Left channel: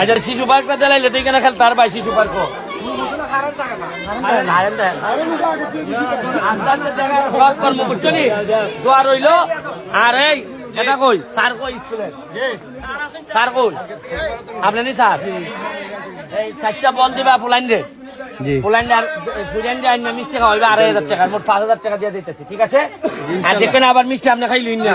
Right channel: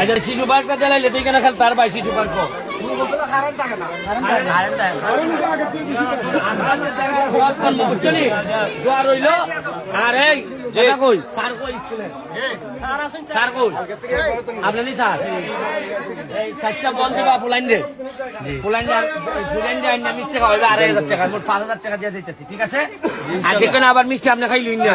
আচ্ছা শিশু পার্কটা চালাইলে তুই কেন খেল? তার ভাই শিশু পার্ক। সব কর্ম দোয়া রইল। আর এই এটা কই? স্যার কই স্কুলে? স্যার কই? আপনি স্যার? এই চারটা বল দিবা ফুলাইন রে ফুলাইন ফুলাইন দিয়ে আইনা মিষ্টি খাওয়াইবে আড়াই হাজার টাকা। মোট পাঁচ হাজার টাকা দিয়ে দিতেছি ঠিক আছে? আর দেখবেন আবার মিষ্টি আপনি খাই লইন না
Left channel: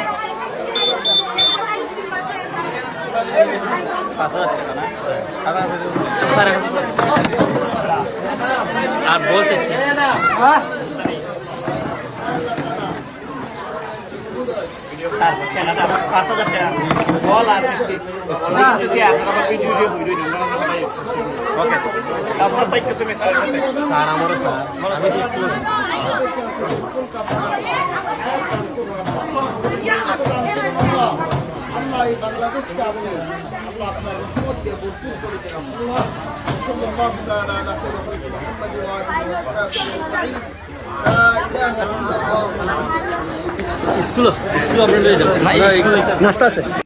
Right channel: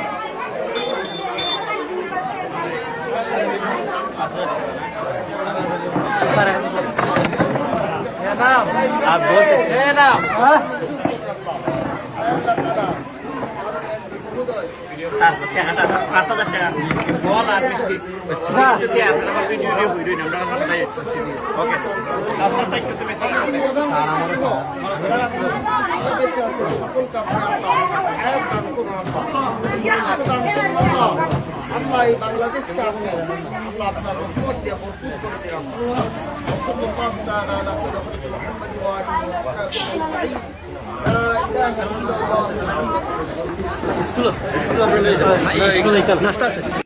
হাজার টাকা বল আর মিষ্টি স্যার আমারও স্যার আমি আল্লাহ এই বাংলাদেশকে আপনি আল্লাহ আপনার রহমত দিয়ে ভরপুর করে দেন وصلى الله تعالى على خير خلق محمد وآله وصحبه أجمعين لا إله إلا الله